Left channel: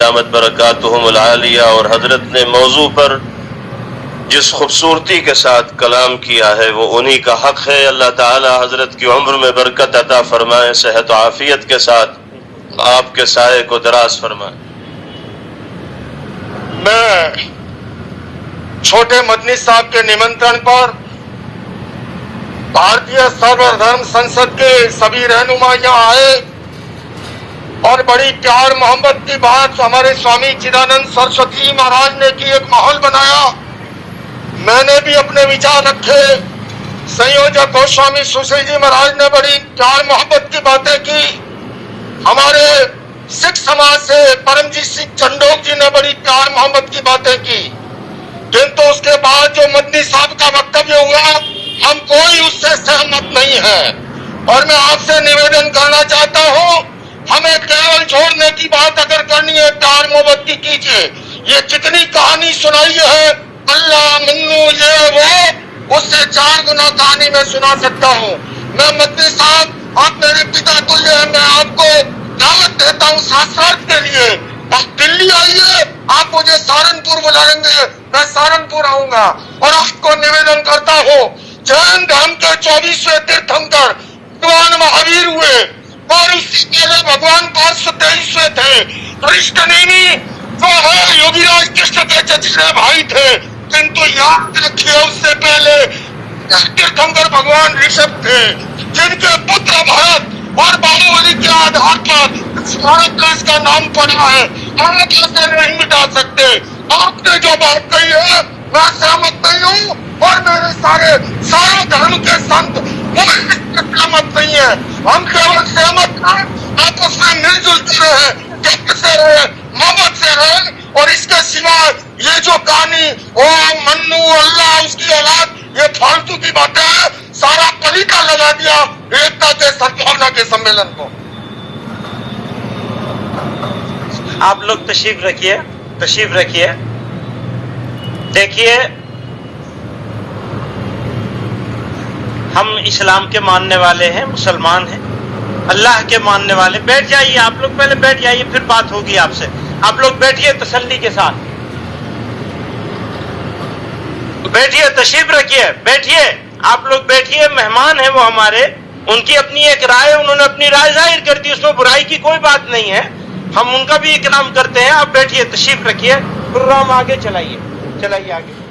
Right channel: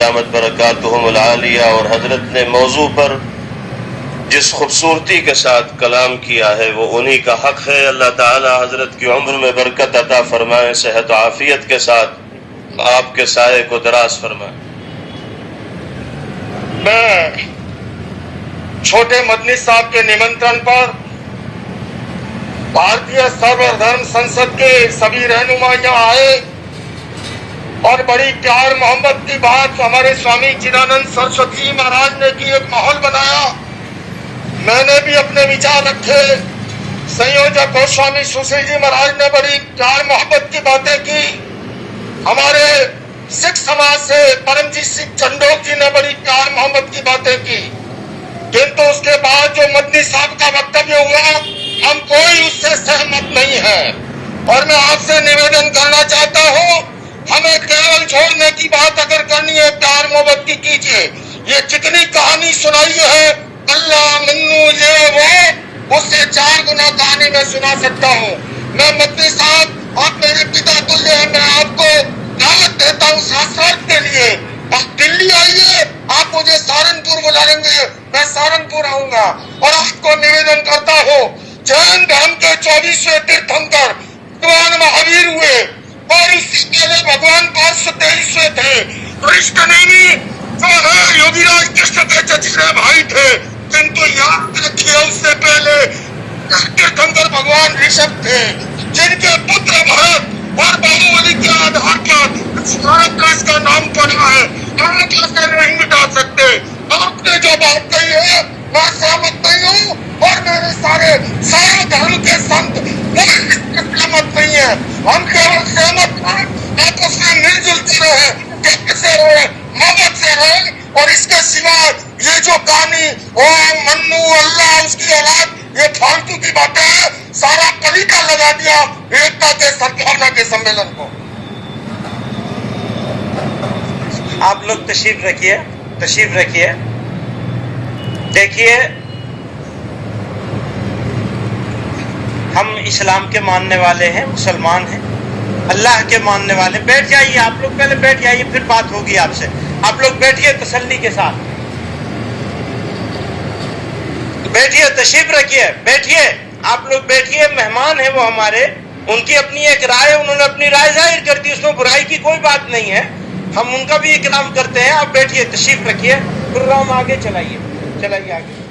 दामत बरकातुहुमुल आलिया। और हजरत ने मौजू पर जिस खूबसूरती के साथ कलाम किया है वो उन्हीं का हक है। अल्लाह ताला हजरत की उम्र में बरकत अता फरमाए, सेहत आफियत के साथ आपके साये को दराज फरमाए। मैं छोटे मदनी साहब के निमंत्रण पर भारतीय सर्वधर्म संसद के सभी रहनुमा यहाँ आए और बड़ी प्यार मोहब्बत की बात हमारे स्वामी चिदानंद सरस्वती जी महाराज ने की, एक माहौल बनाया। मैंने भी अपने विचार रखे। संयोजक गोस्वामी सुशील जी महाराज ने बड़ी प्यार मोहब्बत की बातें की। हमारे सिख समाज से परमजीत सिंह चंडोक जी ने बड़ी प्यार मोहब्बत की बातें की। किंतु उसके बाद जो मदनी साहब का वक्तव्य हुआ, हम कोई उससे सहमत नहीं है। और मैं आपसे निवेदन करना चाहता हूँ, हमें केवल छोड़ने की बात अगर करनी है प्यार मोहब्बत की कीजिए। ये जितनी कहानी सुनाई है अल्लाह मन्नू ये वो, उससे 4 गुना कहानी मैं सुना सकता हूँ। मैं मदनी साहब, आप मेरे पिता तुल्य हैं, मैं आपको दावत देता हूँ शास्त्रार्थ के लिए। आप दिल्ली आइए, आप मुझे सहारनपुर बुलाएंगे, मैं सहारनपुर आऊंगा। और आपको निवेदन करता हूँ, जैन धर्म के 24वें तीर्थंकर भगवान महावीर हुए और उससे पहले भगवान 523वें थे। कृष्णनेमी जो है योगीराज कृष्ण के चचेरे भाई थे। किंतु याद रखिए, उससे पहले तीर्थंकर भगवान ऋषभ थे, जिनके पुत्र भरत और बाहुबली के आधार पर भारत का इसका नाम पड़ा है। हम कैसे नहीं मिटा सकते। आपने जो बात कही है मैं सहमत नहीं हूँ, और मेरे सारे धर्म के संत सहमत नहीं है। हम केवल सहमत हैं, आपस में मिलजुल के रहे, प्यार से रहे, मोहब्बत से रहे। और इसके सिवा ये जो कहानी ओ मन्नू अल्लाह उसकी औलाद, ये फालतू की बातें हैं। सारा पलीता लगा दिया एकता के सद्भावना के सम्मेलन को। आप लोग तशरीफ रखिए। देखिए, हम इस्लाम के मानने वाले हैं, मुसलमान हैं, अल्लाह के मानने वाले। बैठ जाइए, आप लोग पहले बैठ जाइए, फिर बात होगी आपसे। आप लोग बैठिए तसल्ली के साथ, बैठिए, तशरीफ रखिए, बैठिए। आप लोग बैठिए, मेहमान है वो हमारे, उनकी अपनी एक राय, उन्होंने अपनी राय जाहिर कर दी, उसमें बुराई की कोई बात नहीं है, हम उनका भी इकराम करते हैं। आप बैठिए, तशरीफ रखिए, प्रोग्राम आगे चलाइए आगे।